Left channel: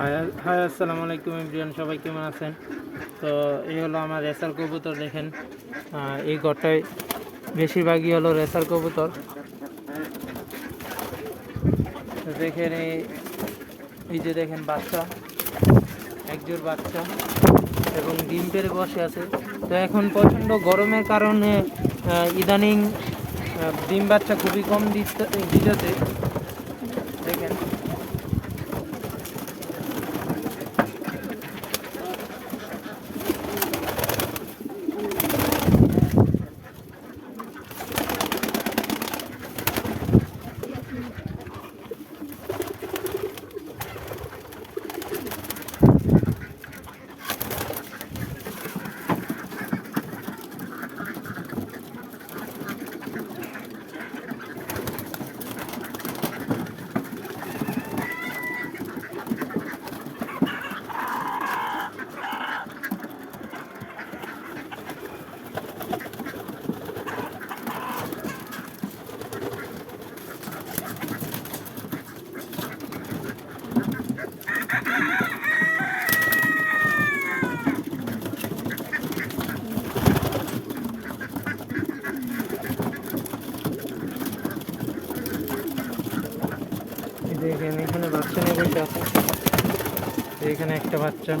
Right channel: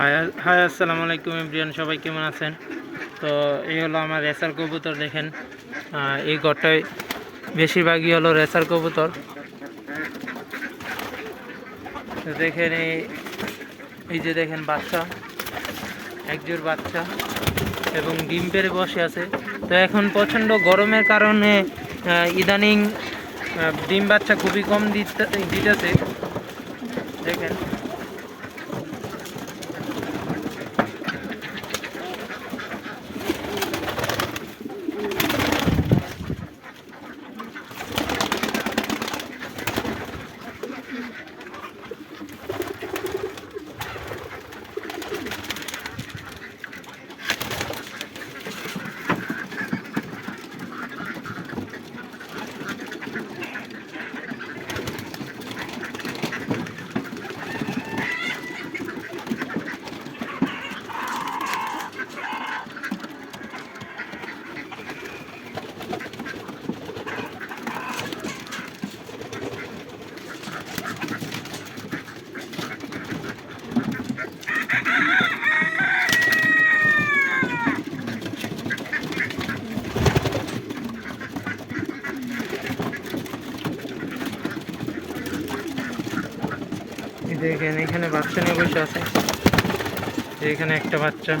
High আসসালামু আলাইকুম ইমরিয়ান সবাই কেমন আছেন? তো এই হলো আমার রেসার কবুতর, দেখেন। এই ঘরটায় বেশিরভাগই হলো রেসার কবুতর। দেখেন এই এই যে দেখেন বাচ্চা একজোর বাচ্চা এবং ডিম পেড়ে বসে আছে। তো এখন প্রচণ্ড গরমের কারণে ইদানিং ডিম বাচ্চা খুবই কম দিতে, দিতেছে। দেখেন। দেখেন এখানে বাচ্চা নিয়ে বসে আছে। এখানে একটা বাচ্চা।